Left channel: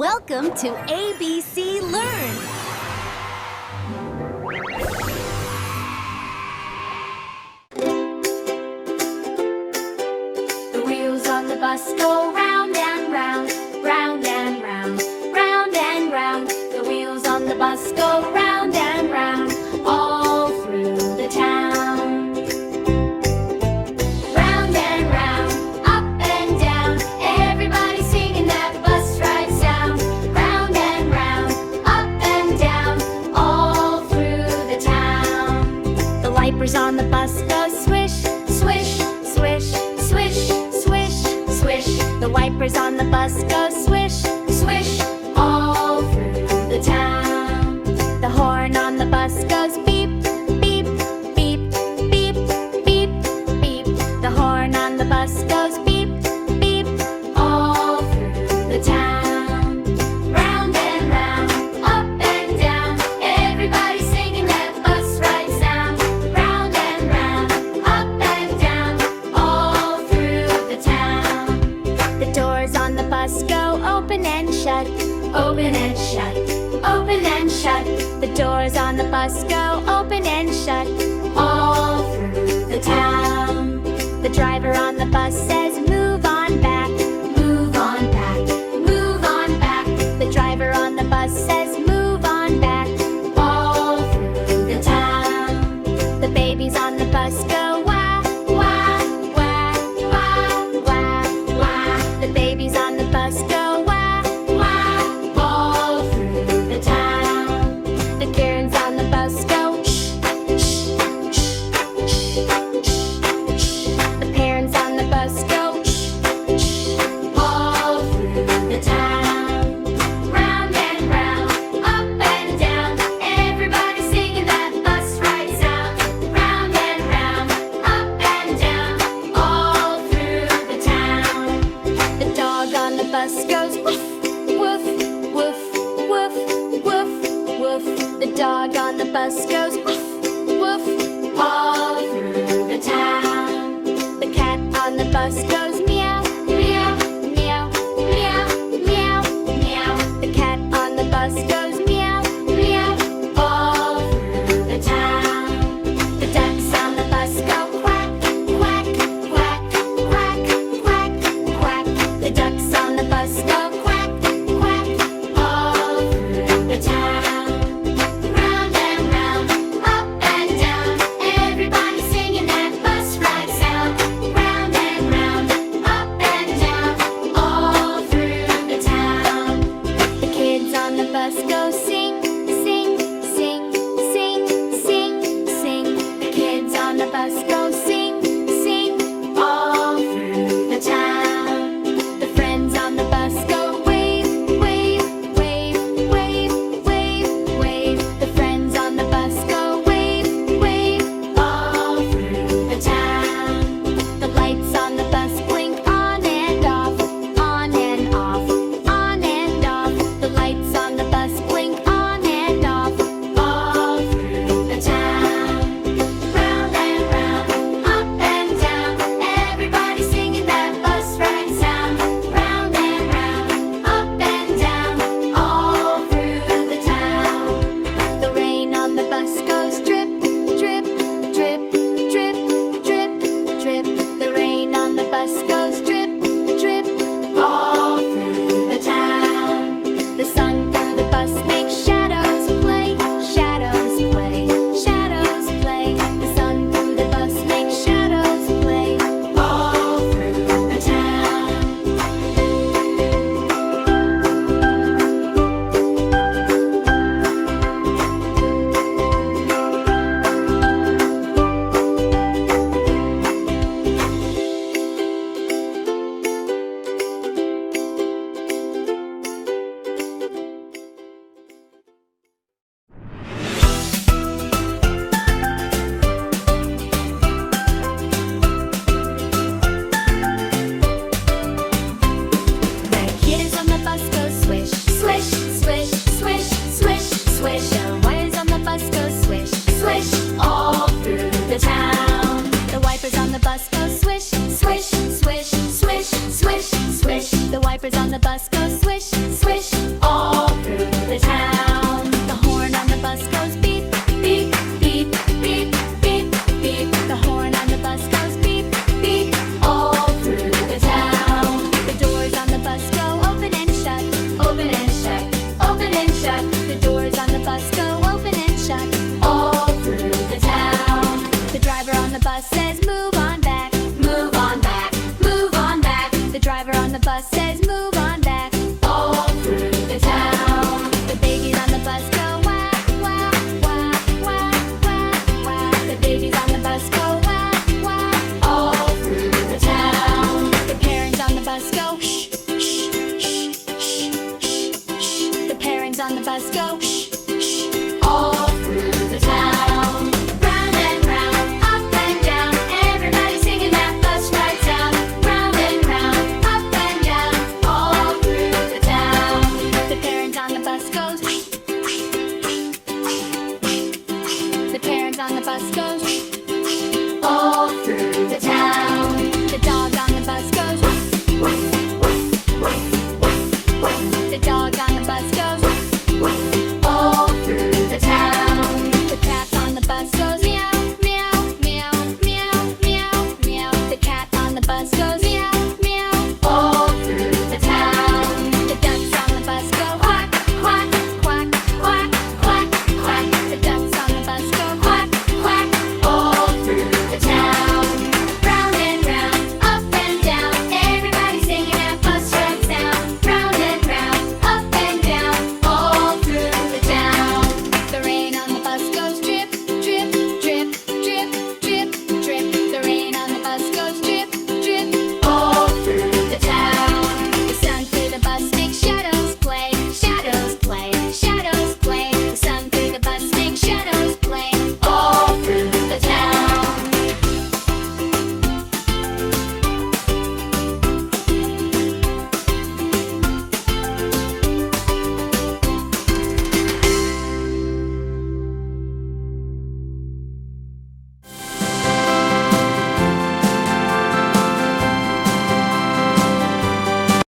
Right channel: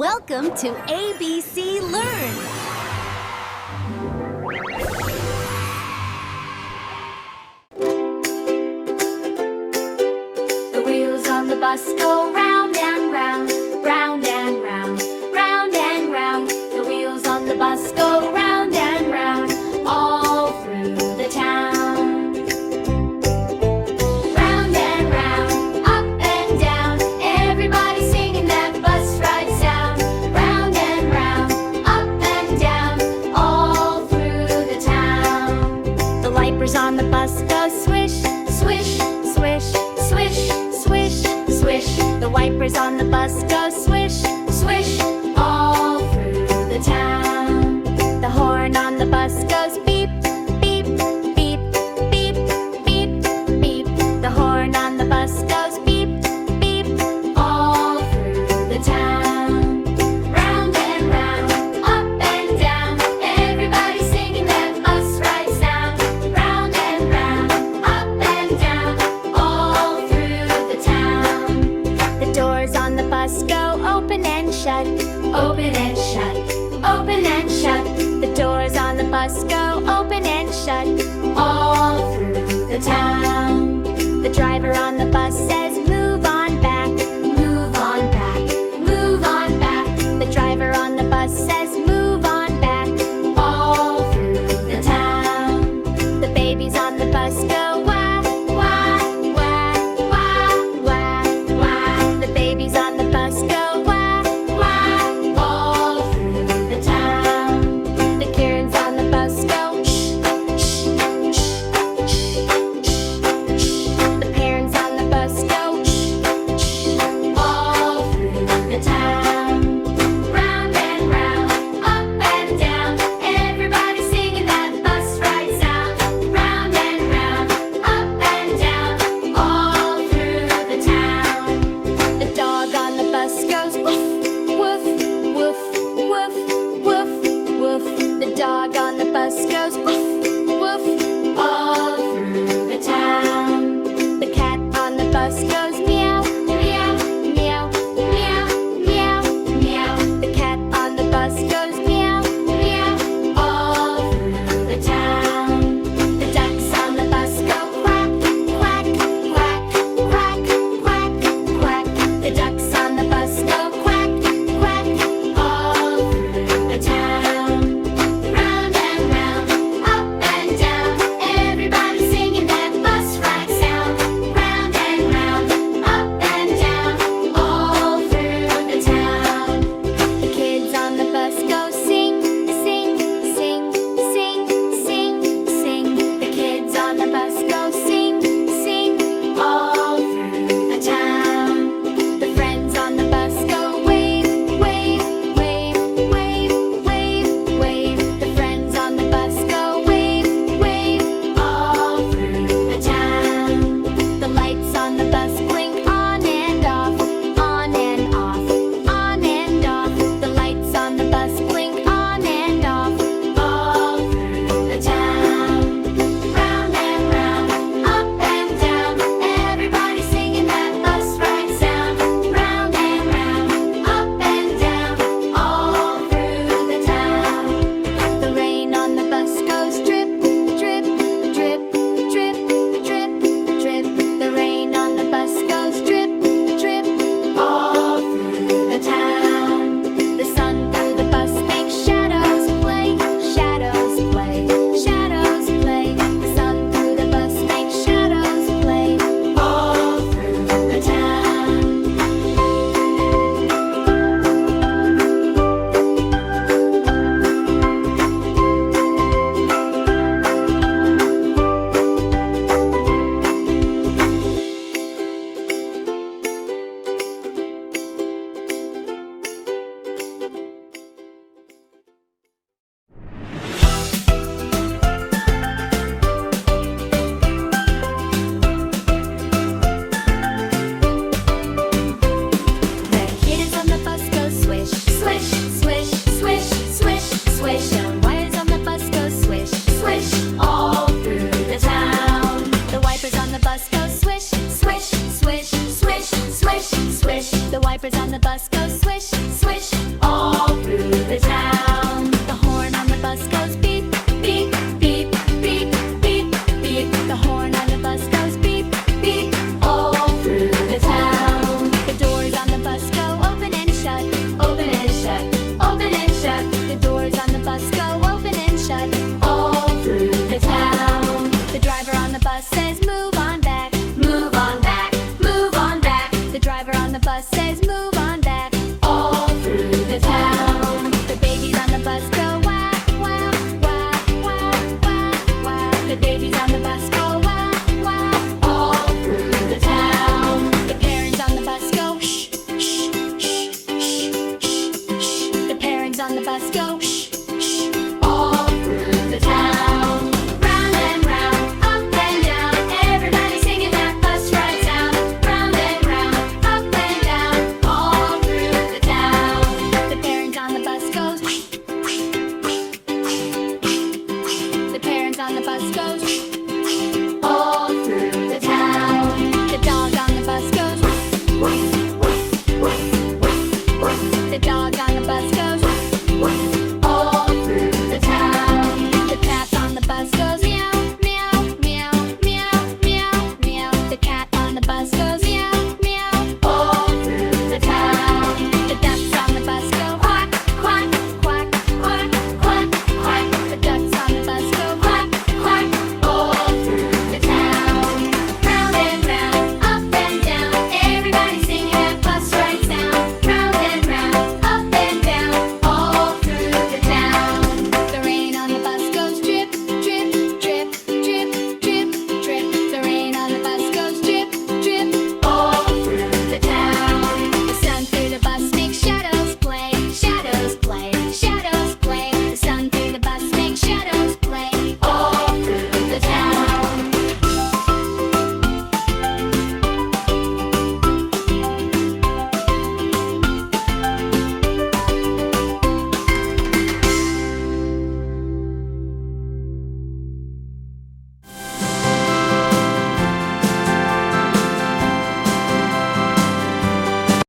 Welcome to ABC Learn! The wheels on the bus go round and round, round and round, round and round. The wheels on the bus go round and round, all through the town. Round and round, up and down, everybody singing that bus ride sound. Round and round, up and down, all through the town. The wipers on the bus go swish, swish, swish, swish, swish, swish. The wipers on the bus go swish, swish, all through the town. The horn on the bus goes beep, beep, beep, beep, beep, beep. The horn on the bus goes beep, beep, all through the town. Round and round, up and down, everybody singing that bus ride sound. Round and round, up and down, all through the town. The doors on the bus go open and shut, open and shut, open and shut. The doors on the bus go open and shut, all through the town. The driver on the bus says, move on back, move on back, move on back. The driver on the bus says, move on back, all through the town. The babies on the bus go wah, wah, wah, wah, wah, wah. The babies on the bus go wah, wah, all through the town. The Karens on the bus go shh, shh, shh, shh, shh, shh. The parents on the bus go shh, shh, all through the town. Round and round, up and down, everybody singing that bus ride sound. Round and round, up and down, all through the town. The dog on the bus goes woof, woof, woof, woof, woof, woof. The dog on the bus goes woof, woof, all through the town. The cat on the bus goes meow, meow, meow, meow, meow, meow. The cat on the bus goes meow, meow, all through the town. The ducks on the bus go quack, quack, quack, quack, quack, quack. The ducks on the bus go quack, quack, all through the town. Round and round, up and down, everybody singing that bus ride sound. Round and round, up and down, all through the town. The kids on the bus go sing, sing, sing, sing, sing, sing. The kids on the bus go sing, sing, all through the town. The friends on the bus go wave, wave, wave, wave, wave, wave. The friends on the bus go wave, wave, all through the town. The lights on the bus blink on and off, on and off, on and off. The lights on the bus blink on and off, all through the town. Round and round, up and down, everybody singing that bus ride sound. Round and round, up and down, all through the town. The rain on the bus goes drip, drip, drip, drip, drip, drip. The rain on the bus goes drip, drip, all through the town. The sun through the bus makes shadows play, shadows play, shadows play. The sun through the bus makes shadows play, all through the town. The kids on the bus go swish, swish, swish, swish, swish, swish. The wires on the bus go swish, swish, all through the town. The wipers on the bus go swish, swish, swish, swish, swish, swish. The wipers on the bus go swish, swish, the bus go open and shut. All through the town. The driver on the bus says move on back. Move on back, move on back. The driver on the bus says move on back. All through the town. The babies on the bus go whack, whack, whack, whack, whack, whack. The babies on the bus go whack, whack. All through the town. The parents on the bus go shh, shh, shh, shh, shh, shh. The parents on the bus go shh, shh. All through the town. Round and round, up and down. Everybody singing that bus ride sound. Round and round, up and down. All through the town. The parents on the bus goes. The parents on the bus goes. All through the town. The dog on the bus goes. The dog on the bus goes. All through the town. The cat on the bus goes meow.